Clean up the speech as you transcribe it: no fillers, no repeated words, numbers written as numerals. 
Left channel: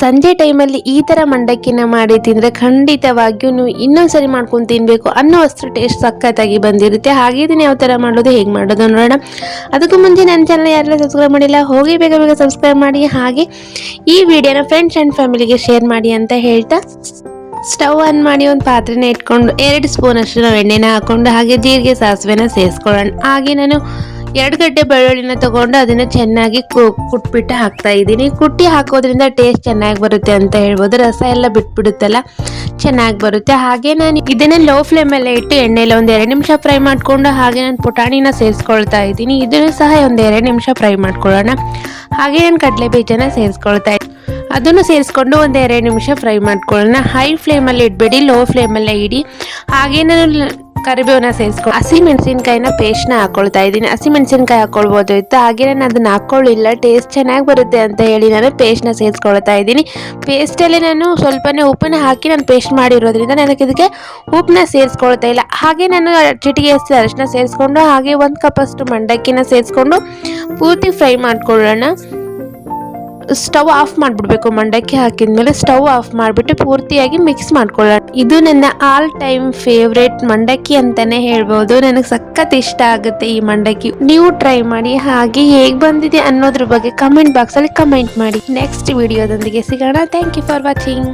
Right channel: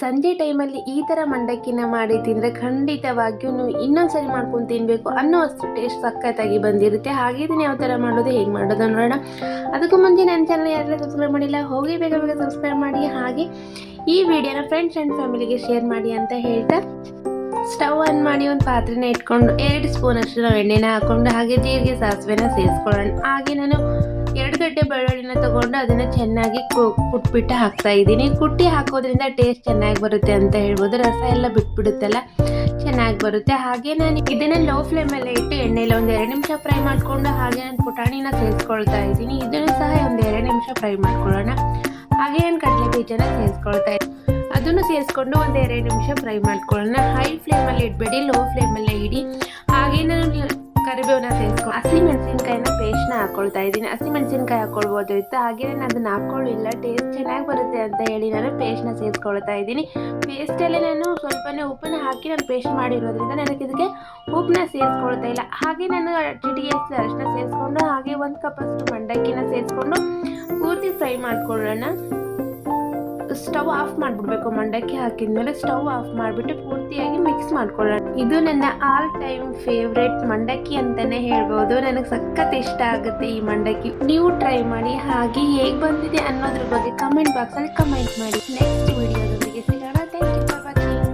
ಸಂಜೆ ಟೈಮಲ್ಲಿ ಈ ಥರ ಮಂಡಕ್ಕಿನ ಮಾಡಿ ತಿಂದರೆ ಖಂಡಿತವಾಗಿಯೂ ನೀವು ಇನ್ನೊಂದ್ಸರಿ ಮಾಡ್ಕೊಂಡು ತಿನ್ನಬೇಕು ಅನ್ನೋ ಅಷ್ಟು ಟೇಸ್ಟ್ ಸಖತ್ತಾಗಿ ಬಂದಿರುತ್ತೆ. ಹಾಗೆ ಇದನ್ನು ಯಾವ ಥರ ಮಾಡೋದು, ಹೇಗೆ ಮಾಡೋದು ನೋಡೋಣ. ಅದಕ್ಕೂ ಮುಂಚೆ ನನ್ನ ಚಾನಲ್ ಯಾರೆಲ್ಲ ಸಬ್ಸ್ಕ್ರೈಬ್ ಮಾಡಿಲ್ಲ ಹೋಗಿ ಬೇಗ ಬೇಗ ಸಬ್ಸ್ಕ್ರೈಬ್ ಮಾಡಿ. ಹಾಗೆ ಈ ವಿಡಿಯೋನ ಫ್ರೆಂಡ್ಸ್ ಆ್ಯಂಡ್ ಫ್ಯಾಮಿಲಿಗೆ ಶೇರ್ ಮಾಡಿ ಅಂತ ಹೇಳ್ತಾ ಸ್ಟವ್ ಆನ್ ಮಾಡಿ ಒಂದು ಪಾತ್ರೆನ ಇಟ್ಕೊಂಡು 2 ಸ್ಪೂನ್ ಅಷ್ಟು ನಾವು ಎಣ್ಣೆನ ಹಾಕ್ಕೊಂಡು ಹಾಗೆ ಜೀರಿಗೆ ಸಾಸಿವೆನ ಸೇರಿಸ್ಕೊಳ್ಳೋಣ. ಹಾಗೆ ನಾನು 2 ಗಡ್ಡೆ ಬೆಳ್ಳುಳ್ಳಿನ ತಗೊಂಡು ಅದನ್ನು ಚೆನ್ನಾಗಿ ಕುಟ್ಬಿಟ್ಟು ಹಾಕ್ತಾ ಇದ್ದೀನಿ. ಕುಟ್ಟಿ ಹಾಕೋದ್ರಿಂದ ಟೇಸ್ಟ್ ಚೆನ್ನಾಗಿ ಬರುತ್ತೆ ಅಂತ ಹೇಳ್ಬೋದು. ರಸ ಎಲ್ಲ ಬಿಟ್ಬಿಡುತ್ತಲ್ಲ, ಚೆನ್ನಾಗಿ ಬರುತ್ತೆ. ಹಾಗೆ ನಾನು ಇದನ್ನ ಲೋ ಫ್ಲೇಮಲ್ಲೇ ಇಟ್ಟು ಎಣ್ಣೆಲ್ಲ ಒಂದು 2 ನಿಮಿಷ ಫ್ರೈ ಮಾಡಿಕೊಂಡು ಹಾಗೆ ನಾನು ಪುಟಾಣಿನ ಸೇರಿಸ್ಕೊಳ್ತಾ ಇದ್ದೀನಿ. ಇದನ್ನು ಸಹ ಒಂದು 2 ನಿಮಿಷ ಫ್ರೈ ಮಾಡ್ಕೊಳ್ಳೋಣ. ಹಾಗೆ ನಾನು ಕಡಲೆ ಬೀಜನ ಸೇರಿಸ್ಕೊಳ್ತಾ ಇದ್ದೀನಿ. ಅದನ್ನು ಸೇರಿಸ್ಕೊಂಡು ಒಂದು 2 ನಿಮಿಷ ಫ್ರೈ ಮಾಡ್ಕೊಳ್ಳೋಣ. ಹೈ ಫ್ಲೇಮಲ್ಲಿ ಇಡಬೇಡಿ, ಲೋ ಫ್ಲೇಮಲ್ಲೇ ಇಡಿ. ಹಾಗೆ ನಾನು ಕರಿಬೇವನ್ನ ಸೇರಿಸ್ಕೊಂಡು ಹಸಿಮೆಣಸಿನ್ಕಾಯಿನ ಪೇಸ್ಟ್ನ ಹಾಕೊಳ್ತಾ ಇದ್ದೀನಿ. ಹಸಿಮೆಣಸಿನ್ಕಾಯಿ ಹಾಕೊಳ್ಬೋದು ಇತ್ತು, ಹಾಗೆ ನಾನು ಅದನ್ನ ಹಾಕೊಳ್ಳಿಲ್ಲ, ಟೇಸ್ಟ್ ಚೆನ್ನಾಗಿ ಬರುತ್ತೆ ಅಂತ ಹೇಳಿ ನಾನು ಪೇಸ್ಟ್ನ ಸೇರಿಸ್ಕೊಳ್ತಾ ಇದ್ದೀನಿ. ಪೇಸ್ಟಲ್ಲಿ ನಾನು ಸ್ವಲ್ಪನೇ ಉಪ್ಪನ್ನ ಹಾಕಿ ನಾನು ಪೇಸ್ಟ್ ಮಾಡಿರೋದ್ರಿಂದ ನನಗೆ ಇದಕ್ಕೆ ಉಪ್ಪನ್ನ ಸೇರಿಸ್ಕೊಳ್ತಾ ಇಲ್ಲ. ಹಾಗೆ ನಾನು ಚಿಟಿಕೆ ಅಷ್ಟು ಅರಿಶಿನ ಸೇರಿಸ್ಕೊಂಡು ಹಾಗೆ 1 ಕಪ್ ಅಷ್ಟು ಮಂಡಕ್ಕಿನ ಸೇರಿಸ್ಕೊಂಡು ಪೂರ್ತಿ ಫ್ರೈ ಮಾಡ್ಕೊಳ್ಳೋಣ. ಸ್ಟವ್ ಆಫ್ ಮಾಡಿಬಿಡ್ಬೇಕು. ಮಂಡಕ್ಕಿ ಹಾಕಿದ್ಮೇಲೆ ಸ್ಟವ್ ಆಫ್ ಮಾಡಿಬಿಟ್ಟು ಪೂರ್ತಿಯಾಗಿ ಮಿಕ್ಸ್ ಮಾಡ್ಕೊಳ್ಳೋಣ. ಇದು ನನ್ನ ಆಲ್ ಟೈಮ್ ಫೇವ್ರೇಟ್ ಮಂಡಕ್ಕಿ ಅಂತಾನೆ ಹೇಳ್ಬೋದು. ನನಗೆ ಸಖತ್ ಇಷ್ಟ ಆಗುತ್ತೆ ಈ ಮಂಡಕ್ಕಿ. ನೀವು ಟ್ರೈ ಮಾಡಿ. ಹಾಗೆ ಹೇಗೆ ಬಂದಿದೆ ಅನ್ನೋದ್ರ ಬಗ್ಗೆ ಕಮೆಂಟ್ ಬಾಕ್ಸಲ್ಲಿ ಕಮೆಂಟ್ ಮಾಡಿ. ನೆಕ್ಸ್ಟ್ ವಿಡಿಯೋದೊಂದಿಗೆ ಸಿಗೋಣ. Thank you for watching.